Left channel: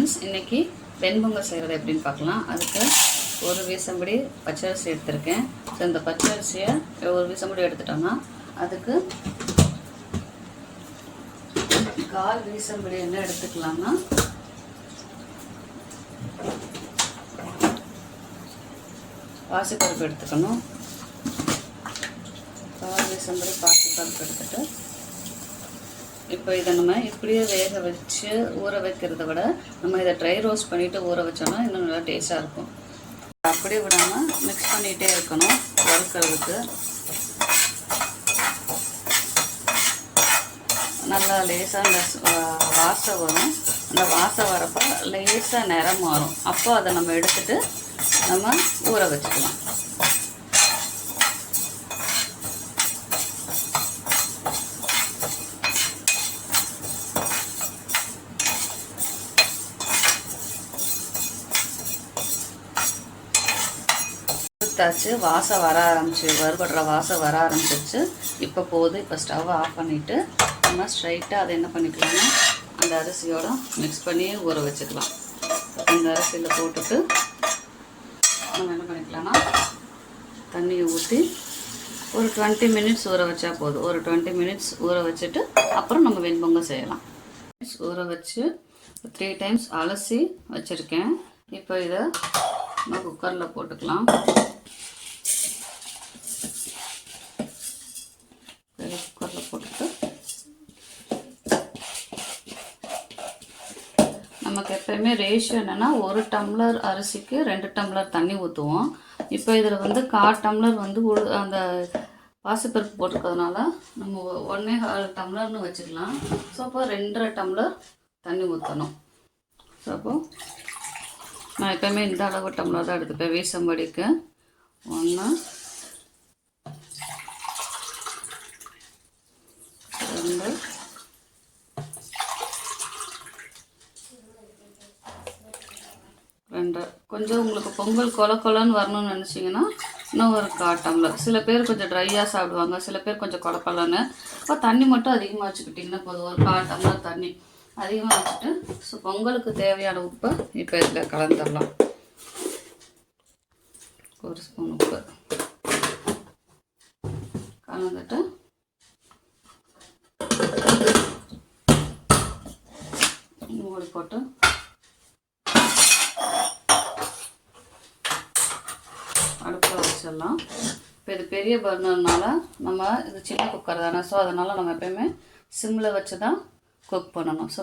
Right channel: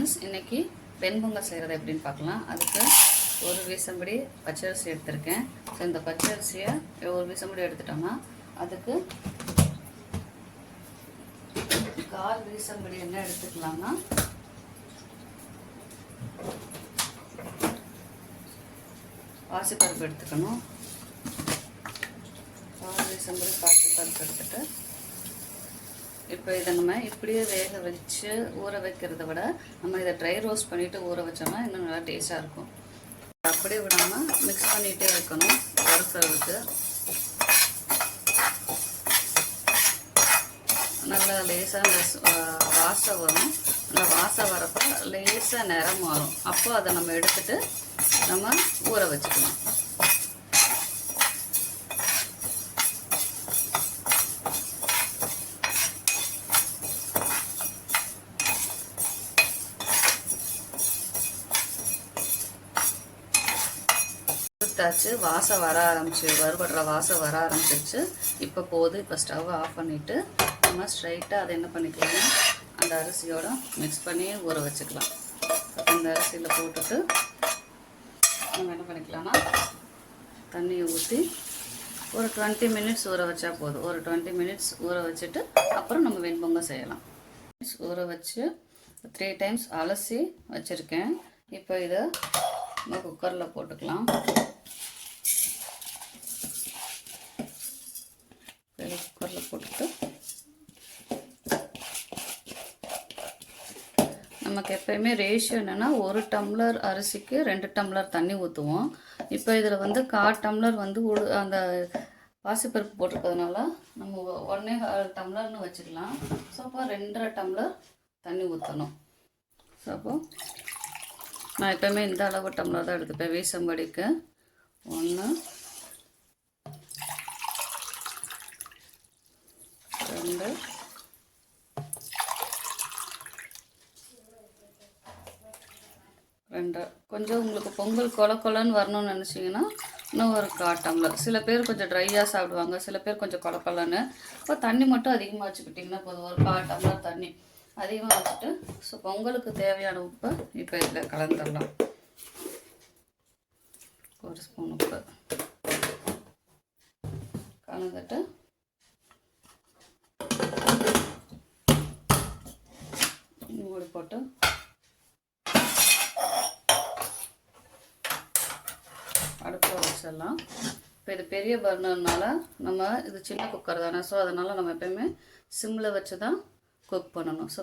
Friends இன்றைக்கி வெண்பொங்கல் செய்கிறது எப்படின்னு பார்க்கலாம். அதுக்கு ஒரு வீசம்படி பச்சரிசி எடுத்திருக்கேன். ஸோ இந்த பச்சரிசியை ஒரு வீசம்படி எடுத்துட்டோம்னா அதுக்கு கால் வீசம்படி என்ன எடுத்துக்கலாம்னா பாசிப்பருப்பு எடுத்துக்கணும். கால் வீசம்படி பாசிப்பருப்பு எடுத்துகிட்டு இப்போ இதை நம்ம இப்படியே வேக வச்சு ஊற வைக்கிறத விட நம்ம இதை ட்ரை ரோஸ்ட் பண்ணிவிட்டு ஊற வச்சோம்னா இன்னும் நல்லா டேஸ்ட்டாக இருக்கும். அப்படியே விடாமல் மிக்ஸ் பண்ணிகிட்டே இருக்கணும். வறுக்கிறதுக்கு. நல்லா லேசாக இந்த வா- வாசம் வரும். அந்த வாசம் வரப்போ லேசாக நிறம் மாறும். அப்போ அதை நம்ம எடுத்துட்டு நம்ம ஊற வச்சுக்கலாம். கொடுத்தாச்சு வாசம் வர ஆரம்பிச்சு வறுபடுற வாசம் வர ஆரம்பிச்சிருச்சு. இப்போ போதும் இப்போ ஸ்டவ் ஆஃப் பண்ணிவிட்டு நம்ம ஸ்ட்ரைட்டாக அதை என்ன பண்ணிக்கலாம்னா அந்த அரிசியோட மிக்ஸ் பண்ணி ஊற வச்சுக்கலாம் இந்த அரிசியில் போட்டுட்டு நம்ம என்ன பண்ணிக்கலாம்னா தண்ணியை ஊற்றி ஒரு டுவெண்ட்டி மினிட்ஸ் ஊற வச்சா போதும். ஒரு டுவெண்ட்டி மினிட்ஸ் ஊற வச்சுட்டு அப்புறம் நம்ம வெண்பொங்கல் செய்யலாம். ஊற வச்சு த்ரீ டைம்ஸ் அலசி வச்சுருக்கேன். இப்போ இதை நம்ம குக்கரில் போட்டுக்கலாம் இதை குக்கரில் போட்டுட்டு நமக்கு எப்பயுமே ரேஷியோ என்னென்னா ஒரு டம்ளர் அரிசிக்கு ரெண்டு டம்ளர் தண்ணி ஊற்றுவோம் இப்போ இதில் வந்து கால் டம்ளர் வந்து உடு- அந்த பாசிப்பருப்பு போட்டிருக்கிறதுனால நம்ம ஒன்னே கால் டம்ளர்னு வச்சுக்கலாம். ஸோ அப்போ ரெண்டரை டம்ளர் தண்ணி ஊற்றணும் ஸோ அப்போ நான் எப்பயுமே இந்த அளவு டம்ளர் தான் எடுத்துப்பேன். வீசம்படிக்கு ஒன்று ரெண்டு ரெண்டு. கொஞ்சம் உங்களுக்கு பொங்கல் கொல கொலன்னு வரணும்னு நினச்சிங்கன்னா இன்னும் ஒரு காட்டம்ல டம்ளர் சில பேர் கொஞ்சம் ட்ரையாக சாப்பிடுவாங்க. சில பேர் கொஞ்சம் கொல கொலன்னு. தண்ணி மட்டும் அதிகமாக வச்சுக்கிட்டிங்கன்னா போதும். ஒரு கால் டம்ளர் தண்ணி. அதிகமாக வச்சுட்டு ஸோ பொங்கலுக்கு தேவையான உப்பு இப்போ இதில் கலந்துடலாம். ஒரு ஸ்பூன் உப்பு. கலந்துட்டு மூடி போட்டு வச்சிடலாம் இப்போ இது பெரிய பர்னர்னால நம்ம இது சின்ன குக்கர் தானே. ஸோ அதனால் நம்ம எப்பயுமே சிம்மில் வச்சு தான் குக் பண்ணணும் ஸோ